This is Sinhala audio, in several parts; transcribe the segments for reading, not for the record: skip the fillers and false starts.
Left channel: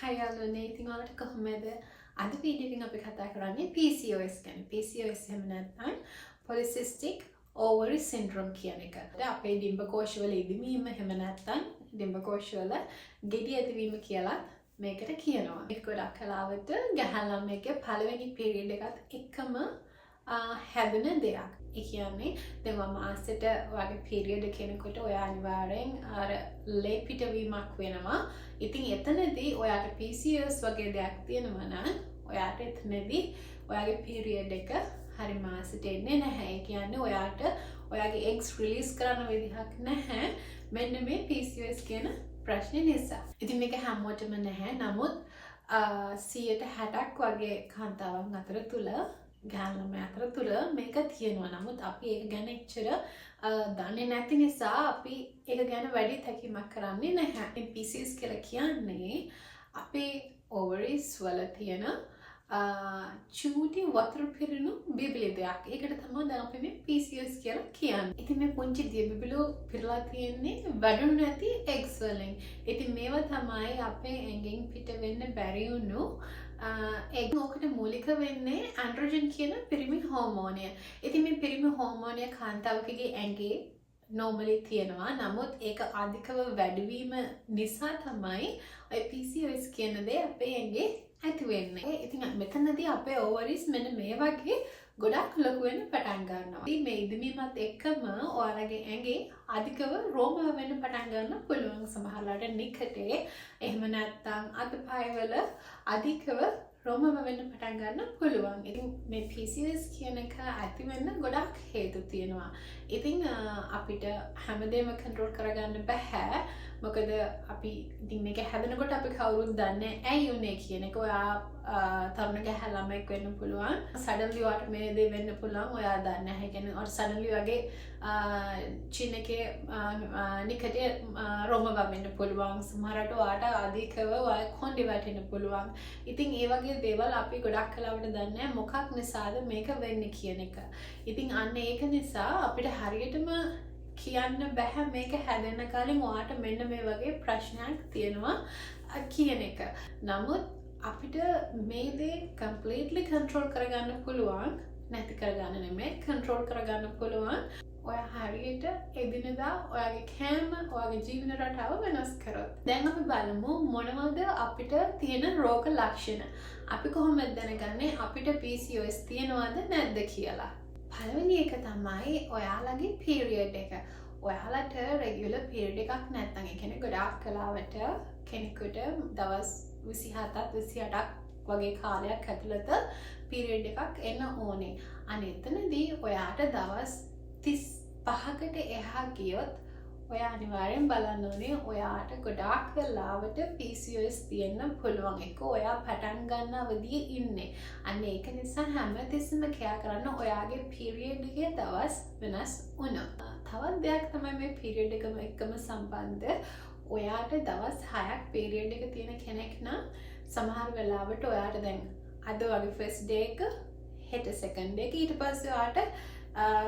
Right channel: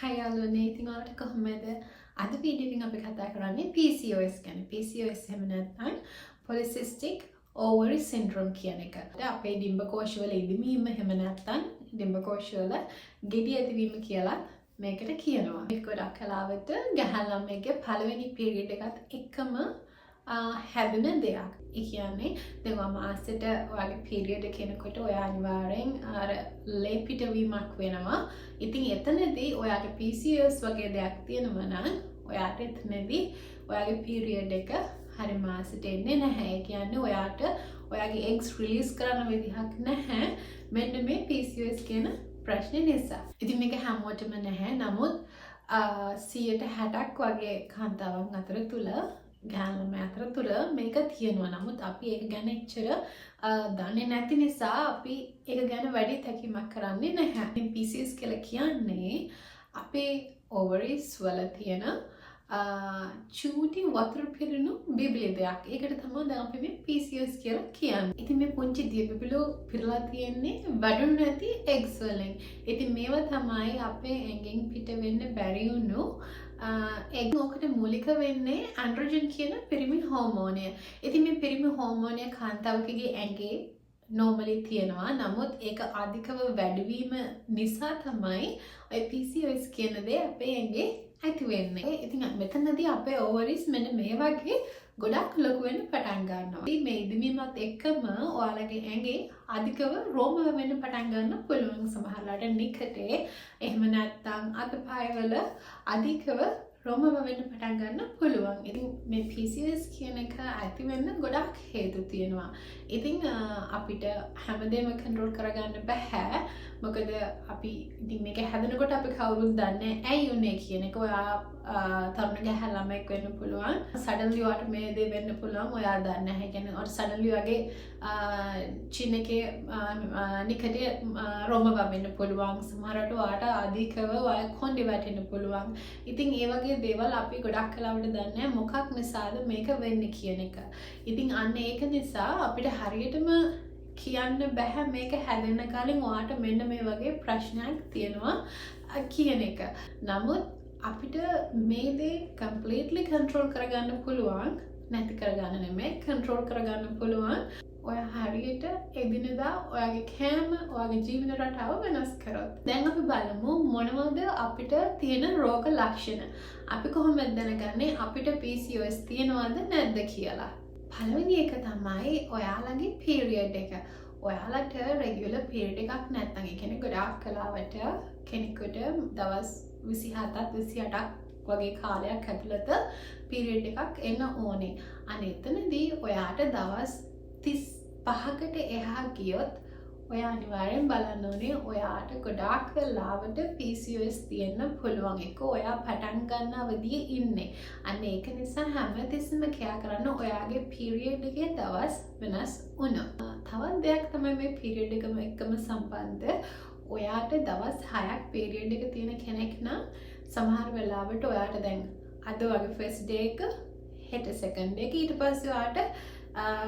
Hi යාළුවනේ ඉතින් ඔයාලට කොහොමද අද වීඩියෝ එකෙන් අපි කතා කරන්නේ PCOS ගැන. PCOS එහෙම නැත්නම් polycystic ovary syndrome කියන එක. අපේ ඩිම්බකෝෂවල ඉදිමීම එහෙම නැත්නම් ඩිම්බකෝෂවල ගෙඩි ඇතිවීම කියලා මේකට කියනවා. මේක ගොඩක් කලාවට ගැහැණු ළමයෙක්ගේ පළවෙනි පීරියඩ් එකත් එක්කම හැදෙන දෙයක්. ඒ කියන්නේ දැන් මාසෙට ඔයාගේ පීරියඩ් එක එනකොට ඔයා අනිවාර්යෙන් අර ලේ පිටවීමක් වෙනවා. ඉතින් එතනදී ඔයාට PCOS වගේ දෙයක් තියෙනවා නම් ඔයාට එතනදී ඔයාගේ පීරියඩ් එක හරි මාසෙට එන්නේ නැහැ. ඒ කියන්නේ ඔයාට ඔයාගේ eggs release කරන්න විදිහක් නැහැ. මෙන්න මේ PCOS කියන ප්‍රශ්නේ නිසා. ඉතින් මේක හැමෝටම නැහැ. නමුත් 160ක් වගේ කාන්තාවන් අතර තුල ගැහැණු අතර තුල මේක තියෙනවා. නමුත් අපි ඒක ගැන එච්චර දන්නේ නැති නිසා අපි ඒක ගැන වැඩි තැකීමක් කරන්නේ නැහැ. PCOS කියලා කියන්නේ අපේ ovaries වල තියෙන චූටි වතුර පිරුණු බිබිලි දෙයක්. ඒකට තමයි දැන් අපි මේ PCOS කියලා කියන්නේ. ඉතින් මේ පුංචි දිය බිබිලු පිරලා තියෙන්නේ වැඩුණු නැති eggs වලින්. ඉතින් මේවා තමයි අපේ ඇඟෙන් පිට වෙන්න බැරි වුණු egg ඔකට මූලික වෙන්නේ androgen කියන පිරිමි හෝමෝනය. ඉතින් මේ පිරිමි හෝමෝනය කාන්තාවකගේ ඇඟේ normally තියෙනවා. නමුත් ඒක අධිකව වැඩිවීම නිසා තමයි ඔය PCOS කියන දේ අපේ ඇඟේ ඇති වෙන්නේ. ඉතින් මෙතනදී අපේ ovaries මෙන්න මේ වගේ ගොඩක් ලොකු වෙන්න පටන් ගන්නවා. ඉතින් මේ ඉදමීමත් එක්කම ඔයාලගේ ඇඟේ අධිකව රෝම වෙන්න පටන් ගන්න පුළුවන්. සමහරලාට නිකටේ එහෙම නැත්නම් අතපයවල අධිකව රෝම වෙන්න පටන් ගන්න පුළුවන්. ඉතින් මේ PCOS කියන එක ඇති වෙන්න ගොඩක් හේතු තියෙනවා. ඉතින් අපිට හැමදේම කන්ට්‍රෝල් කරගන්න බෑ. මොකද අපි ඉතින් මේක හැදෙනකොට අපි කවුරුත් දන්නේ ඇයි උනේ කියන එක. ඔයා තරුණ ගැහැණු ළමෙක් වෙන්න පුළුවන්. සඩන්ලි ඔයාට මේ දේ වෙන්න පුළුවන්. ඔයා දන්නේ නැහැ. ඒ කියන්නේ ඔයාට සඩන්ලි වගේ චින් එකේ නිකටේ රෝම වෙන්න පුළුවන්. සමහරට ඔයාට අධිකව ඔයා කොණ්ඩේ වැටෙන්න පුළුවන්. ඉතින් ඒ වගේ දේවල් අපි ගොඩක් කලාවට දන්නේ මොකක් නිසාද මේක වෙන්නේ කියන එක. ඉතින් අන්න ඒක නිසා අපිට හරියටම කියන්න බෑ මේක හැදෙන්න කලින් ඔයාට මෙන්න මේ වගේ ප්‍රශ්නයක් තියෙනවා කියන එක. නමුත් අපිට මේ දේ completely control කරගන්න පුළුවන්. නැති කරගන්න නෙමෙයි control කරගන්න පුළුවන්. ඔයා හරියට එදිනෙදා ඔයාගේ කෑම ඔයාගේ ජීවන රටාව වෙනස් කරොත්. දැන් අපි බලමු මොනවද අපිට තියෙන රෝග ලක්ෂණ. අපි කොහොමද දැනගන්නේ අපිට PCOS තියෙනවද නැද්ද කියලා. පළවෙනි එක තමයි ඔයාලගේ පීරියඩ් එක. ඔයාලට රෙගියුලර් පීරියඩ් එකක් නැත්නම් ඒ කියන්නේ ගොඩාක් කලාවට කෙනෙකුට දවස් 27ක් 28ක් වගේ කාලයක් ඇතුළත පීරියඩ් එකක් එන්න ඕනේ. අනේ එතනදී ඔයාට දවස් 35කට එහා ගියොත් ඔයා අනිවාර්යෙන් බලන්න ඕනේ ඔයාට ගොඩාක් වෙලාවට PCOS තියෙන්න පුළුවන්. ඒක ඔයා පටන් ගන්න අවදියේ ඉන්නේ. අන්න ඒක නිසා හැමතිස්සෙම කෑ කරන්න ඔයාගේ පීරියඩ් එකේ දවස් වෙනස් වුණොත්. තවත් දෙයක් තමයි මේ පීරියඩ් එකම එක්කම සම්බන්ධ. ඔයාට දවස් 6ක් පීරියඩ් එක තියෙන කෙනෙක් නම් සමහර වෙලාවට ඔයාට දැන් අද වගේ ෆස්ට් ඩේ එක හෙට සෙකන්ඩ් එක ඊට පස්සේ ඔයාට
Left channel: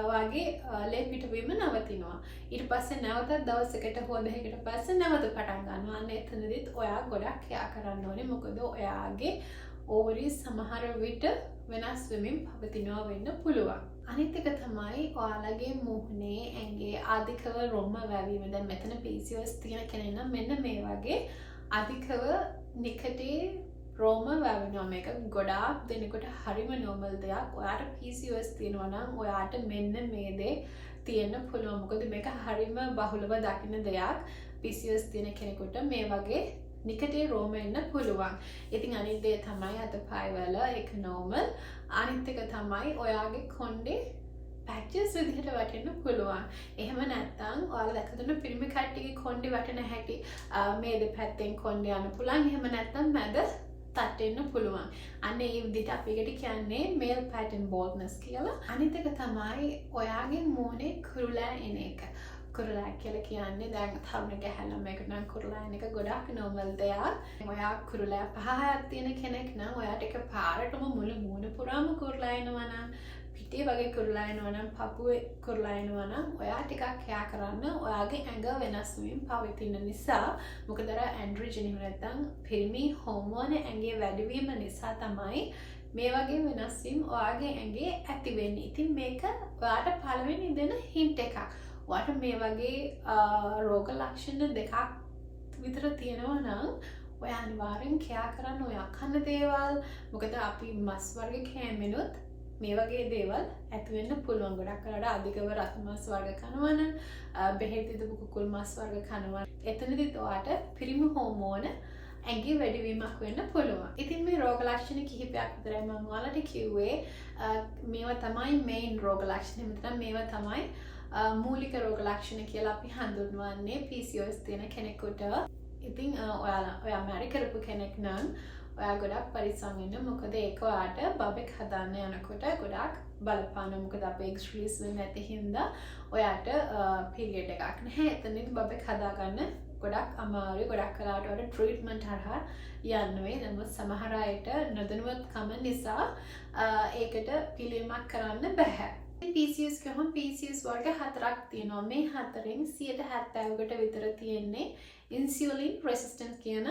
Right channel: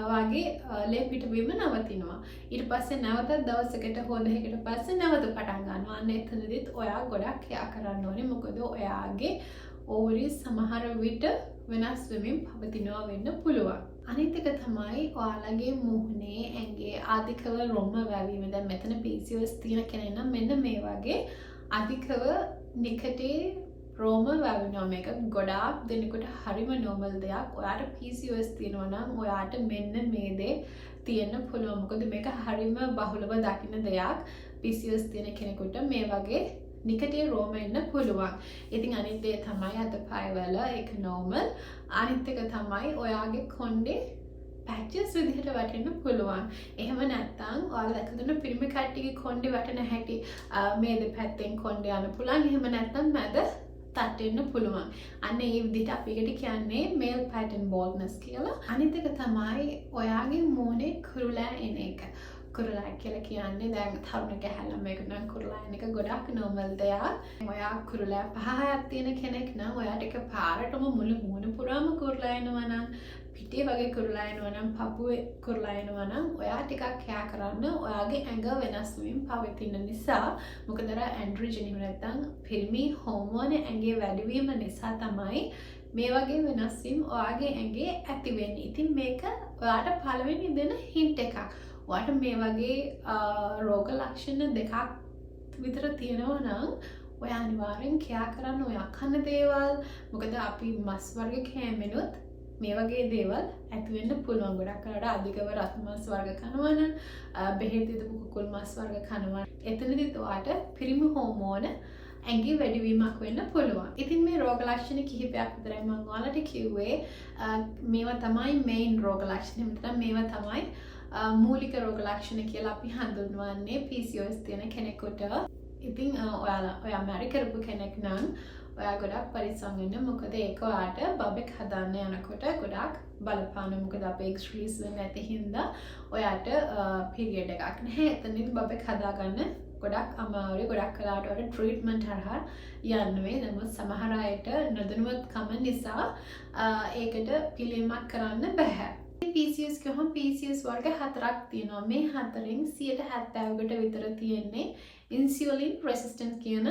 වගේ ලේ පිටවීම නවතිනවා. ඊට පස්සේ නැවතත් දවසකට හෝ දෙකකට පස්සේ නැවත පටන් ගන්නවා. අන්න එතනදිත් ඔයා ගොඩක් ක්‍රියා කරන්න ඕනේ. මොකද ඔයාගේ ovaries සමහර විට වෙනස් වෙමින් පවතිනවා වෙන්න පුළුවන්. අනිත් එක තමයි ඔයාලගේ මුහුණේ ඇඟේ අධිකව රොම්ම වැවීම. දැන් මෙතන PCOS තියෙන කෙනෙක් නම් මෙන්න මේ වගේ අධිකව නිකටේ රෝම වැවෙනවා. මේක ගොඩාක් දෙනෙකුට හරිම normal දෙයක්. ඔයාට PCOS තියෙනවා නම් ඔයාට මෙන්න මේ දේ තියෙන්න පුළුවන්. මොකද මේක හරිම බහුලව දකින්න දෙයක්. PCOS තියෙන කෙනෙකුට මේ වගේ නිකටේ රෝම එන්න පුළුවන්. ඉතින් අනිත් දේ තමයි අතපයවල ඒක normal. අනිත් එක තමයි ඔයාගේ කොණ්ඩේ පැචස් විදිහට වැටෙන්න පුළුවන්. එහෙම නැත්නම් ඔයාලා දැකලා තියෙන පිරිමි කට්ටියගේ කොණ්ඩේ වැටෙන හැටි මේ දෙපැත්තෙන් කොණ්ඩේ යන පුළුවන්. එහෙම නැත්නම් මැද තටෙන්න පුළුවන්. අන්න ඒ විදිහට අපි ඒකට කියන්නේ male pattern baldness කියලා. අනිත් එක තමයි ඔයාගේ මූණේ කුරුලෑ එන එක. කුරුලෑ කියලා කියන්නේ දැන් තරුණ ගැහැණු ළමයෙකුට නම් කුරුලෑ එන එක ගොඩක් normal දෙයක්. ඔයා කුරුලෑ 5-6ක් තියෙන කෙනෙක් නම් ඔයාට එකපාරටම මුළු මූණ පුරාම කුරුලෑ එනවා නම් පිටේ වගේ කුරුලා එනවා නම් පපුවේ කුරුලා එනවා නම් ඔයා ටිකක් කෑ කරන්න ඔයාගේ ඇඟ වෙනස් වීම පවතින නිසා මොකද අර ඇන්ඩ්‍රොජන් එහෙම නැත්නම් පිරිමි හෝමෝන ඇඟේ වැඩිවීම නිසා තමයි මේ වගේ වෙනස් වීම ඔයාගේ ඇඟේ ඇති වෙන්නේ. ඉතින් මේක ඔයාට පළවෙනි දෙන හින්ට් එකක්. ඔයාට මේ වගේ රෝග ලක්ෂණ දෙකක් විතර තියෙනවා නම් ඔයා අනිවාර්යෙන් කෑ කරන්න ඔයා කන දේවල් මොකද අපි මස් වර්ග කෑමෙනුත් මේ වගේ දේවල් ඇති වෙන්න පුළුවන්. ගොඩක් අයට අධිකව රත් මස් වර්ග කනවා නම් බෙහෙත් දීපු කුකුල් මස් වර්ග කනවා. එතනදිත් ඔයාට පිරිමි හෝමෝන ඇඟේ වැඩිවීමක් වෙන්න පුළුවන්. ඉතින් මේ රෝග ලක්ෂණ කිහිපයක් විතරයි මම ඔයාලට කිව්වේ. මේවා තමයි මේන් රෝග ලක්ෂණ. මෙතන මේවා තමයි මූලික රෝග ලක්ෂණ කියලා අපි හඳුන්වන්නේ PCOS තියෙන කෙනෙකුට. ඉතින් ඔයා මැරි කරපු කෙනෙක් නම් ඔයා ගොඩක් පරිස්සම් වෙන්න. මොකද ඒක ඔයාට බබෙක් හදන්න යනකොට ගොඩක් බලපාන. මොකද අපේ එග්ස් රිලීස් වෙන්නේ නැති හින්දා ඔයාට පීරියඩ් එකක් නැහැ. එතනදි බබෙක් හදාගන්න ගොඩක් අමාරුයි. ගොඩක් කලාවට වල ට්‍රීට්මන්ට් හරහා යන්න වෙයි. නමුත් සමහර අයට නොදැනුවත්කම නිසා ඒකට පිළියමක් කරන්න බෑ. PCOS කියහම PCOS වර්ග 4ක් තියෙනවා. මේ හතරෙන් 70%කට විතර තියෙන්නේ ඉන්සියුලින් රෙසිස්ටන්ට් කියන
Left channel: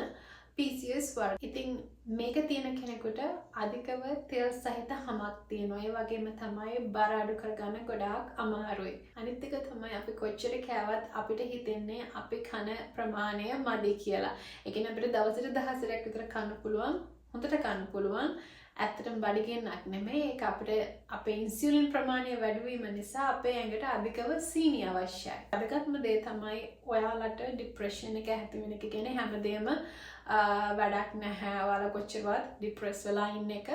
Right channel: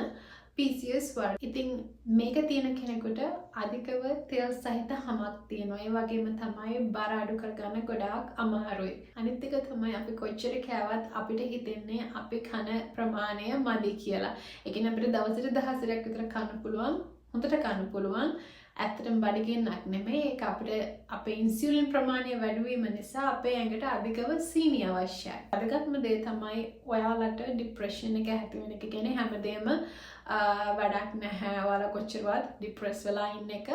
PCOS වර්ග. ඉතින් මේක තියෙන කෙනෙකුට අධිකව තෙල් සහිත හමක් තියෙනවා. ඒ වගේම තමයි බර අඩු කරගන්න ගොඩාක් අමාරුයි. අනිත් එක තමයි අපි කොච්චර කෑවත් අපිට හිතෙන්නේ අපි කන ප්‍රමාණය මදි කියලා. ඒ කියන්නේ අපිට දවසට 10ක් විතර කන්න පුළුවන්. හොඳට කන්න පුළුවන්. ඇත්තටම බඩගින්නක් නෙමෙයි. ඒක අපිට අපේ ඉන්සියුලින් ප්‍රමාණය වැඩි වීම නිසා අපේ ඇඟට අධිකව සීනි අවශ්‍යයි. වැදගත්ම දේ තමයි ඔයාලට ડિප්‍රෙෂන් එක ඇති වෙන එක. කියන්නේ හැමදේම වැඩක් නැහැ. ඔයාලා කොච්චරවත් ડિප්‍රෙස් වෙලා ඉන්න එක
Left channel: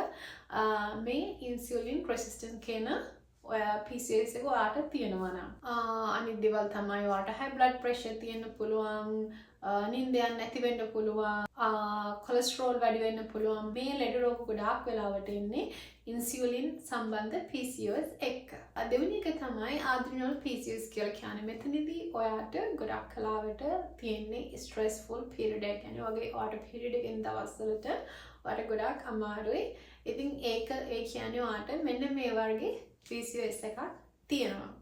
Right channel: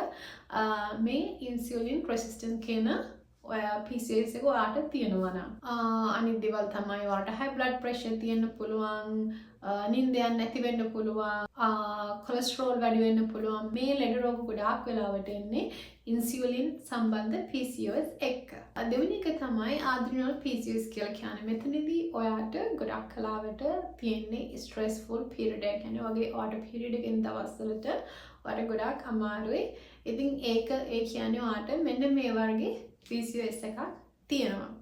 මේ ඉන්සියුලින් රෙසිස්ටන්ට් කියන ඔයා PCOS එක ඔයාට තියෙනවා නම් අනිත් දේවල් තමයි ඔයාට high blood pressure තියෙන්න පුළුවන්. නිින්ද යන්නේ නැති වෙන්න පුළුවන්. කොලෙස්ටරෝල් වැඩි වෙන්න පුළුවන්. මේ ලෙඩ රෝග ගොඩාක් වෙලාවට එන්නේ ඉන්සියුලින් සම්බන්ධ PCOS එක්ක. දෙවෙනි එක තමයි ආඩ්‍රිනල් PCOS කියලා කියන්නේ. මෙතනදී ඔයාට ගොඩක් කලාවට තියෙන්නේ ස්ට්‍රෙස්ෆුල් පීරියඩ් එක. කියන්නේ වගේ ඔයාට පීරියඩ් එකෙන් දවස්වලට ඔයාට ගොඩාක් අමාරුයි. ඉතින් ඒක ඒ කියන්නේ ඔයාට මෙන්න මේ වර්ගේ PCOS එකක් තියෙනවා.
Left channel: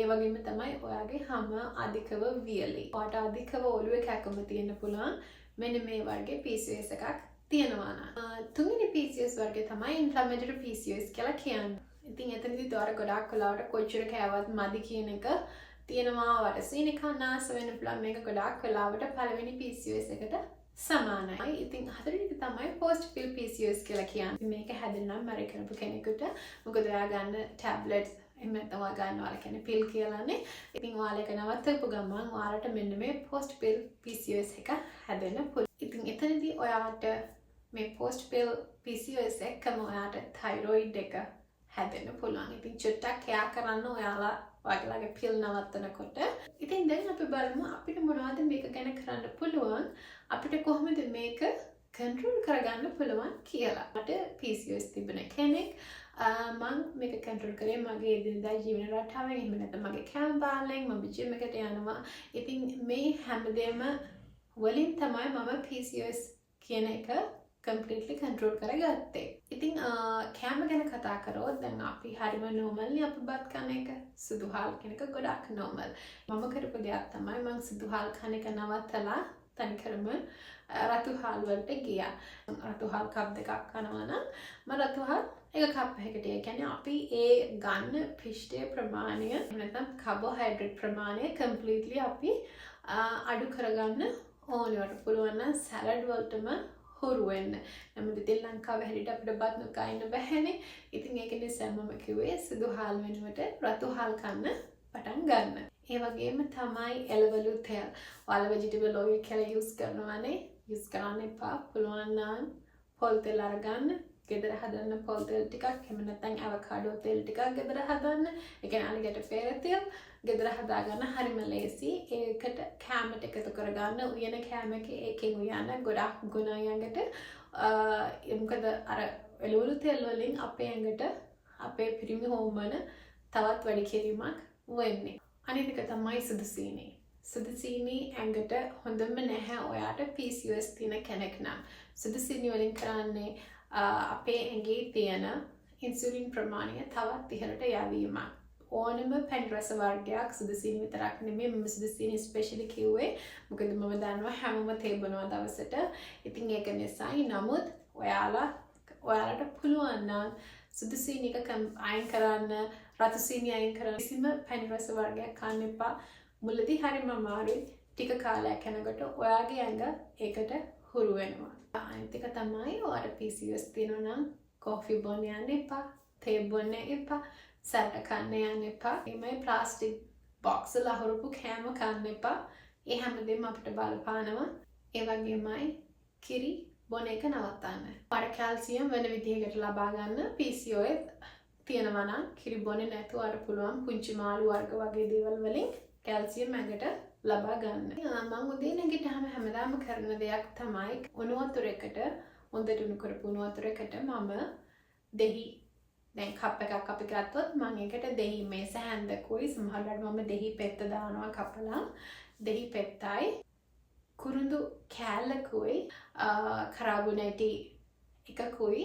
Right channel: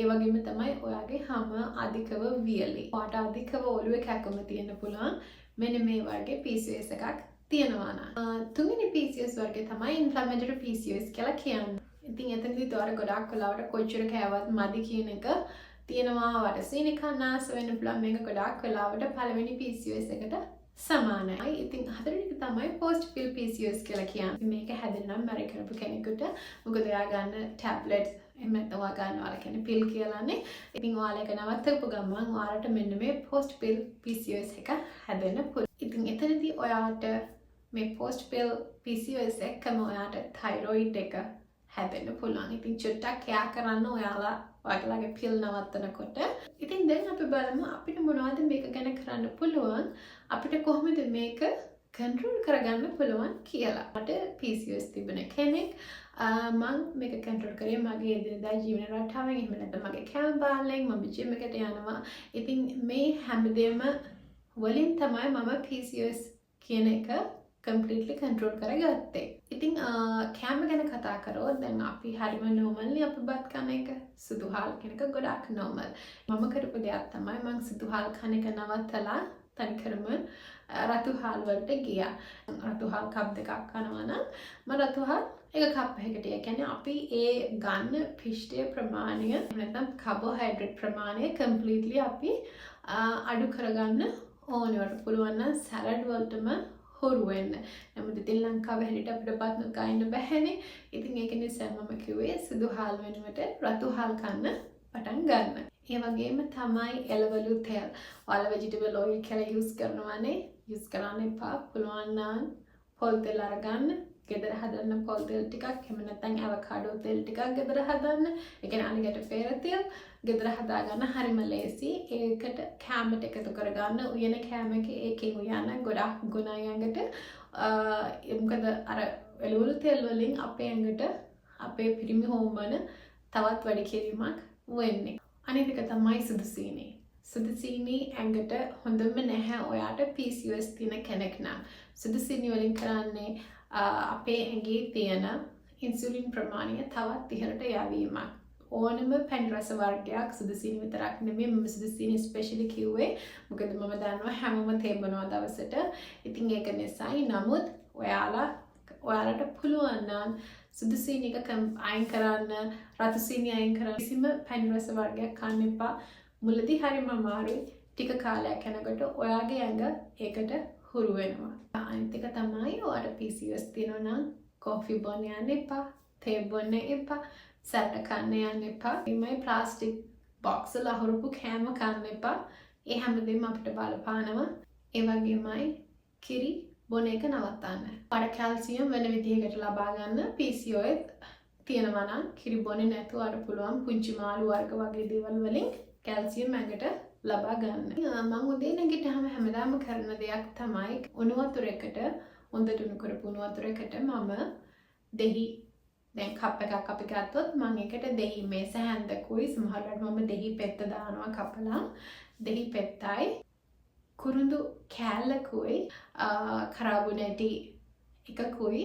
ඒ වගේම තමයි ඔයාගේ හැම අධිකව වියලි. ඔයාට අධිකව ඔළුවේ කැක්කම තියෙන්න පුළුවන්. මෙන්න මේ වර්ගේ PCOS එකක් තියෙනවා නම්. තුන්වෙනි PCOS වර්ගය තමයි ඉන්ෆ්ලැමේටරි PCOS කියලා කියන්නේ. ඉතින් එතනදී ඔයාට ගොඩක් වෙලාවට කොච්චර කෑවත් මදි කියන එක තියෙනවා. ඔයාට සීනි කන්න ආස වෙන්න පුළුවන්. මේක ගොඩක් වෙලාවට පළවෙනි PCOS එකට සමානයි. ඉතින් හතරවෙනි එක තමයි post pill PCOS කියලා කියන්නේ. මේක හැදෙන්නම් මැරි කරපු කෙනෙකුට මොකද ඔයා ගන්න ටැබ්ලට්ස් එහෙම නැත්නම් ඔයා ගන්නවා කියන්නේ පිල් කියලානේ. ඉතින් ඔයාලා ඒක නවත්තපු ගමන් ඔයාලට මෙන්න මේ post pill PCOS එක හැදෙන්න පුළුවන්. ඉතින් එතනදී ඔයාට මේ post pill PCOS එකම ඔයාට thyroid එක හැදෙන්න පුළුවන්. ඉතින් චුට්ටක් කෑ කරන්න ඔයාලා ඔයාලගේ පිල් නවත්තනකොට. ඉතින් දැන් අපි බලමු අපිට මොනවද මේක ගැන කරන්න පුළුවන්. අපිට කොහොමද මේක කන්ට්‍රෝල් කරගන්න පුළුවන් කියලා. මට PCOS තිබෙන කෙනෙක් මම මේක කන්ට්‍රෝල් කරේ මගේ එදිනදා ජීවන රටාවෙන්. එහෙම නැත්නම් මගේ කැම බාලෙන් මම ජිම් එකට යනවා. ඉතින් මේ හැමදේම වලින් තමයි මම PCOS කියන එක completely control කරගත්තේ. ඉතින් කැම ගැන කතා කරොත් දැන් අපි හරිම normal නේ අපි බත් කන එක. සුදු හාල් කියන එක ගොඩක් normal. මම කරපු දෙයක් තමයි මම සුදු හාල් කන එක නවත්තලා තනිකරම රතු හාල් වලට ගියා. රතු හාල් කප් දෙකක් කනවා නම් මම රතු හාල් එක කප් එකකට. ඒ කියන්නේ අපි ඒ ගන්න පිෂ්ඨයේ ප්‍රමාණය නැත්නම් කාබෝහයිඩ්‍රේට් ප්‍රමාණය completely අපි අඩු කරගන්න ඕනේ. වට පුළුවන් නම් සලාඩ් වලටම හොරු වෙන්න. නමුත් ඉතින් ලංකාවේ හැටියට අපිට බත් නොකයින්න බැහැනේ. ඉතින් ඒක නිසා මම කිව්වේ සුදු හාල් වෙනුවට රතු හාල් කන්න පටන් ගන්න. ඒ වගේම තමයි එළවලු තෙල්. ඔයාලා vegetable oil කියලා use කරනවානේ. use කරන්න එපා. පුළුවන් නම් පොල් තෙල් අරගන්න. ගෙදර හදන්න පොල් තෙල් ටිකක් එහෙම නැත්නම් අවකාඩෝ තෙල් ටිකක් ගෙදර හදන්න. ඒ කියන්නේ අලිගට පෙර තෙල් ගෙදර හදාගන්න හරිම ලේසි. ඒකට කැමට එකතු කරගන්න. උයන කැම එක ඒකෙන් උයන ගොඩක් ගුණයි ඇඟට. මොකද අර එළවලු තෙල් වලින් අපේ ඇඟට අපේ පිරිමි හෝමෝන තවත් වැඩි කිරීමක් වෙන්නේ. අනිත් එක තමයි සුදු සීනි. සුදු සීනි ඇඟට හොඳම නැහැ ඔයාට PCOS තියෙන කෙනෙක් නම්. සුදු සීනි වලින් කරන්නේ අපේ ඇඟේ තියෙන ඉන්සුලින් ප්‍රමාණය තවත් ඉහළට යවීමක්. ඕනම පැන් රස වර්ගයක් සුදුසීනි විතරක් නෙමෙයි මම සුදුසීනි ස්පෙෂලි කිව්වේ මොකද මම දන්නවා හැමෝම තේ බොනවා දවසට. ඉතින් ඒක නිසායි. නමුත් ඔයාලට පුළුවන් නම් සුදුසීනි එක අයින් කරන්න, රතු සීනි අයින් කරන්න. කිසිම පැන් රස වර්ගයක් කන්න එපා. මුලදී හරිම අමාරුයි. ටික කාලයක් යනකොට ඔයාගේ ඇඟ ඒකට හුරු වෙනවා. අනිත් එක තමයි ඔයාට PCOS තියෙනවා නම් කෝෆි බොන්න යන්න එපා, තේ බොන්න එපා, සැරට කන්න යන්න එපා. එමේ ප්ලාස්ටික් බොක්ස් වල අහුරුපු කෑම කන්න එපා. ඒ හැමදේම අපිට බලපානවා. ඒ වගේමයි කිරි බොන එක නවත්තන්න. ඔයාට කැල්සියම් වෙන විදිහකට ලබා ගන්න PCOS තියෙනවා නම් කිරි බොන්නේ නැතුව අර පුළුවන් පුංචි මාළු වර්ග වගේ දේවල් වලින් කැල්සියම් ඇඟට ලබා ගන්න. මම උදේ නැගිට්ටාම හැමදාම කරන දෙයක් තමයි උණු වතුරකට හොඳට උණු කරපු උණු වතුරකට මම දෙහි දැන් කප් එකක් අපි ගත්තොත් මම ඒකට දෙහි මේස හැන්දකුයි සමහරවිට මම දෙහි පෙත්ත දානවා කපලා දෙහි පෙත්තයි කුරුඳු කෑල්ලකුයි කරාබුනේටි එකකුයි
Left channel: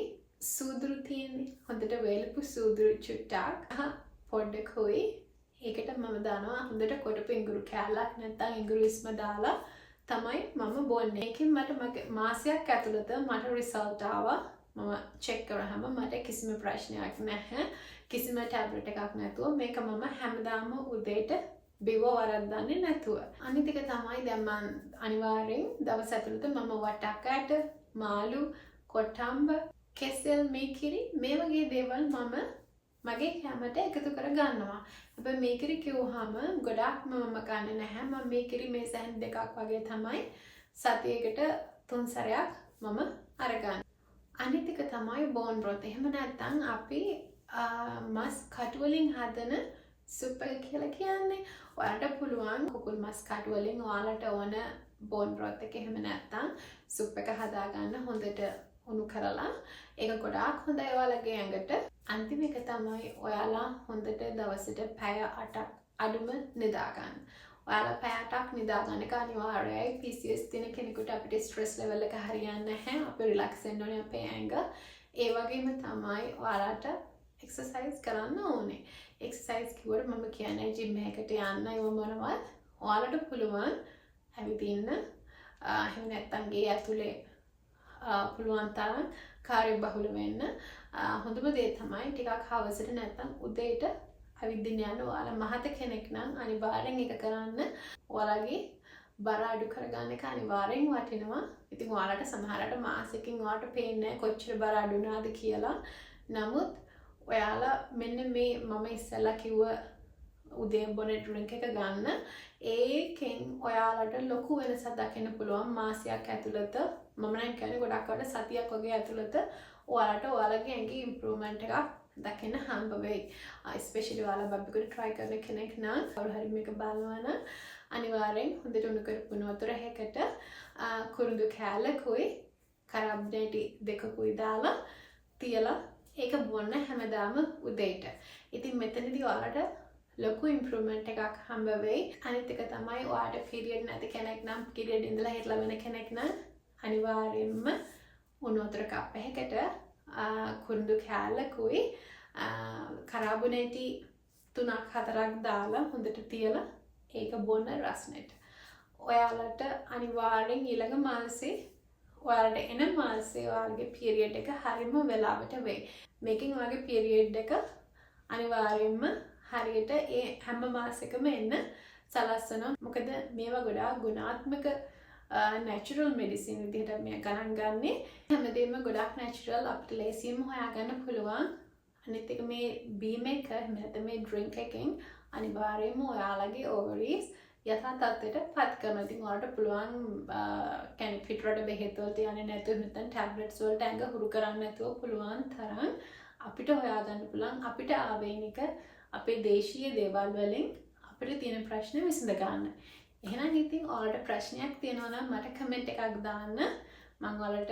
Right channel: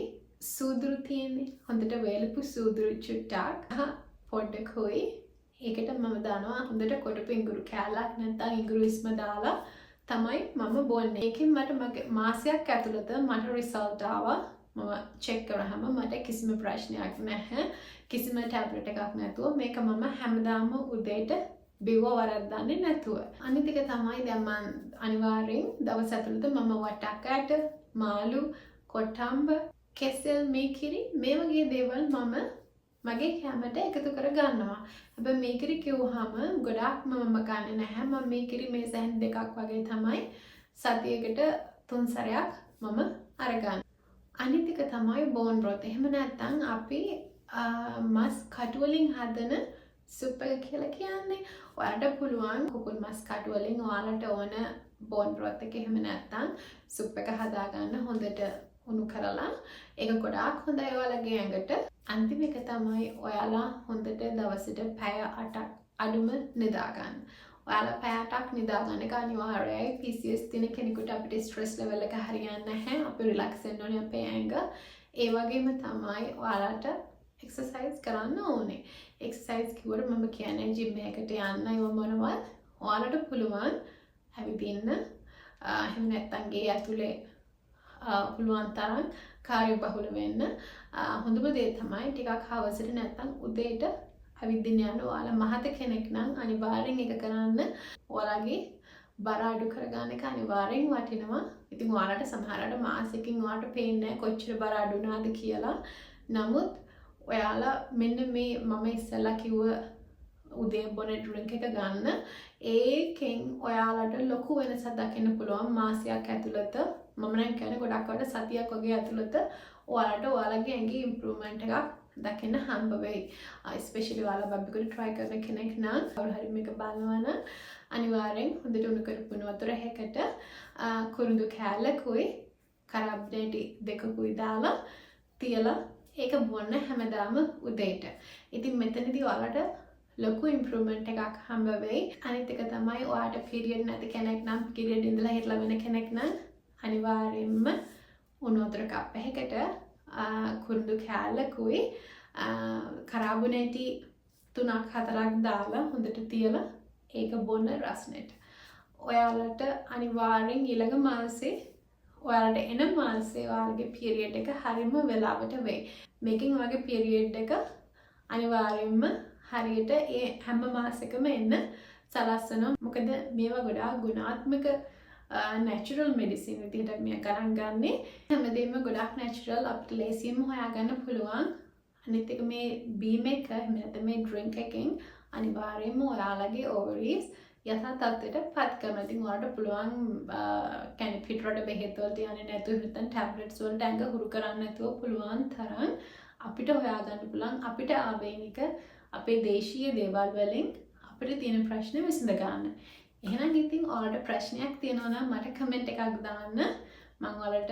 සූදුරු තියෙන්නේ හොඳට වේලපු සූදුරු චුට්ටක් පොඩ්ඩකුයි ඒකට මම දානවා හොඳට කොටපු ඉඟුරු කෑල්ලක් නැත්නම් ඉඟුරු ඉස්ම දාලා තමයි මම බොන්නේ. ඒකෙන් මට මාසයක් ඇතුළත මට රිසල්ට් ආවා. මම චෙක් කරාම මට කිසිම ප්‍රශ්නයක් නැහැ. කිසිම ටැබ්ලට් එකක් නැතුව මේක මම හැමදාම උදේට බිව වරද්දන්නේ නැතුව. අනිත් එක තමයි දැන් මම අනිවාර්යෙන් දවස් ඇතුළත මම වටකට මාළු කොටම්බ කෙසෙල් මේ කිරි මේ වගේ දේවල් මම මගේ කැමරට එකතු කර ගන්නවා. හැබැයි මේ කිරි කිව්වහම ගොඩාක්ම මම ගන්නෙ නැහැ. මම මේ කිරි මේ සැහන් දෙකක් වගේ තමයි සතියකට 3 සැරයක් මම අරගන්නේ. අනිත් එක තමයි බෝන් බ්‍රොත්. එහෙම නැත්නම් අපි මස් කටු වලින් හදන සුප් එක කියලා කියන්නේ. ඔයාලට පුළුවන් කුකුල් මස් කටු වලින් ඔයාලට ඕන බෝන් බ්‍රොත් එක එහෙම නැත්නම් සුප් එක හදාගන්න හොඳට උණු කරලා ඒක ගොඩාක් හොඳයි ඔයාලගේ ඇඟට. අන්තිම එක තමයි ඔයාලා හොඳට දවසට පැය 8ක් අඩුම නිදා ගන්න. ඔයාලා පැය 8ක් නිදා ගන්න එක අනිවාර්යයි. PCOS තියෙන කෙනෙකුට අපිට ස්ට්‍රෙස් ලෙවල් එක හරියන්නේ නැහැ. අපි රිලැක්ස් වෙන්න ඕනේ අපේ ඇඟ. ඒ වගේම තමයි ඔයාලට එක්සර්සයිස් කරන්න ඕනේ. එක්සර්සයිස් කිව්වට මම කියන්නේ ජිම් එකකට යන්න ඒව මොනවද? ඔයාලට පුළුවන් ඇවිදින්න. එහෙම නැත්නම් ගේ ඇතුලේ පුළුවන් තරම් කාර්යබහුල වෙන්න. හොඳම දේ තමයි ටිකක් හවසට නැත්නම් උදේට ඇවිදින්න යන්න. ඔයාලා මහත කෙනෙක් නම් අනිවාර්යෙන් ඒක කරන්න. ඔයාලගේ බර අඩු කරගන්න එක අනිවාර්යෙන් වටිනවා. ඉතින් ඔයාලට සමහරවිට මාසෙකින් ඔයාලට පේන්නේ කොච්චර බර අඩු වුණාද කියලා. නමුත් ඔයාලා මෙන්න මේ මම ඉස්සෙල්ලා කිව්ව උදේ බොන ඩ්‍රින්ක් එක ගන්න. ඒකෙන් ඔයාලට ලොකු වෙනසක් දකින්න පුළුවන් මාසයක් ඇතුළත. මම නම් කියන්නේ ගොඩක් අයට සතියක් වගේ ඇතුළත ඔයාලට ඔයාලගේ ඇඟේ ඉම්ප්‍රූව්මන්ට් එකක් දකින්න හම්බ වෙයි. ස්පෙෂලි ඔයාලා බබ්බිකුට try කරන කෙනෙක් නම් කවුරු හරි මේක බලනවා නම් අනිවාර්යෙන් හොඳට උණු කරපු වතුර හැකට කුරුඳු කෑල්ලකුයි කරාබ්නේටි දෙකකුයි දාලා තියලා ඒක බොන්න හැමදාම උදේට. ඉතින් මෙතනදී ඔයාලට ලොකු ඉම්ප්‍රූව්මන්ට් එකක් හම්බ වෙයි. අනිත් එක තමයි ඔයාට පීරියඩ් නැති කෙනෙක් නම් පීරියඩ් ඉඳලා හිටලා වෙන කෙනෙක් නම් අනිවාර්යෙන්ම උණු වතුර කප් එකකට කුරුඳු කෑල්ලකුයි කරාබුනේටි 3-4ක් දාලා හොඳට තියලා ඒක බොන්න රස්නෙට. ඔයාලට අනිවාර්යෙන් ඊළඟ මාසේ ඔයාලට එන මාසේ ඔයාලගේ පීරියඩ් එක හරියම වෙලාවට වෙයි. මේකෙන් ඔයාගේ පීරියඩ් එක අනිවාර්යෙන්ම හරියට ඒ හැම මාසෙකම එන්න සලස්වනවා. මොකද මේවා ගොඩාක් ගුණාත්මක natural medicine විදිහට මේ ගණන් ගන්නේ. හැමදේම ගොඩාක් natural අපිට ලේසියෙන්ම හොයාගන්න පුළුවන්. අනිත් එක මේ බීම් එක නැත්නම් මේ drink එකෙන් අනිවාර්යයෙන්ම ඔයාලගේ ovaries යථා තත්ත්වයට පත් කරනවා. ඉතින් ඔයාලට පුළුවන් කියන්නේ පිටරට බෙහෙත් වලට යන්නේ නැතුව නැත්නම් tablets වලට ඇඟ හුරු කරන්නේ නැතුව පුළුවන් තරම් අපිට හොයාගන්න පුළුවන් අපිට ආවේනික අපේ දේශීය දේවල් වලින් අපිට තියෙන ප්‍රශ්න විසඳ ගන්න. එහෙනම් ඉතින් ඔයාලට ප්‍රශ්නයක් තියෙනවා නම් මට කමෙන්ට් එකක් දාන්න. මම ඔයාලට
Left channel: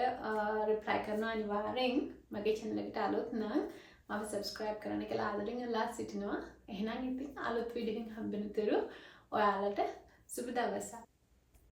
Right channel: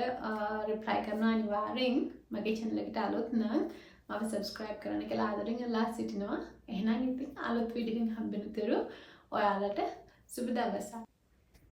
රිප්ලයි කරනවා අනිවාර්යෙන්. මගේ channel එකට අලුත් නම් මම subscribe කරන්න කියලා ආදරෙන් ඉල්ලා සිටිනවා. එහෙනම් ඉතින් අලුත් වීඩියෝ එකකින් හම්බෙන්න තුරු ඔයාලට සුබ දවසක්.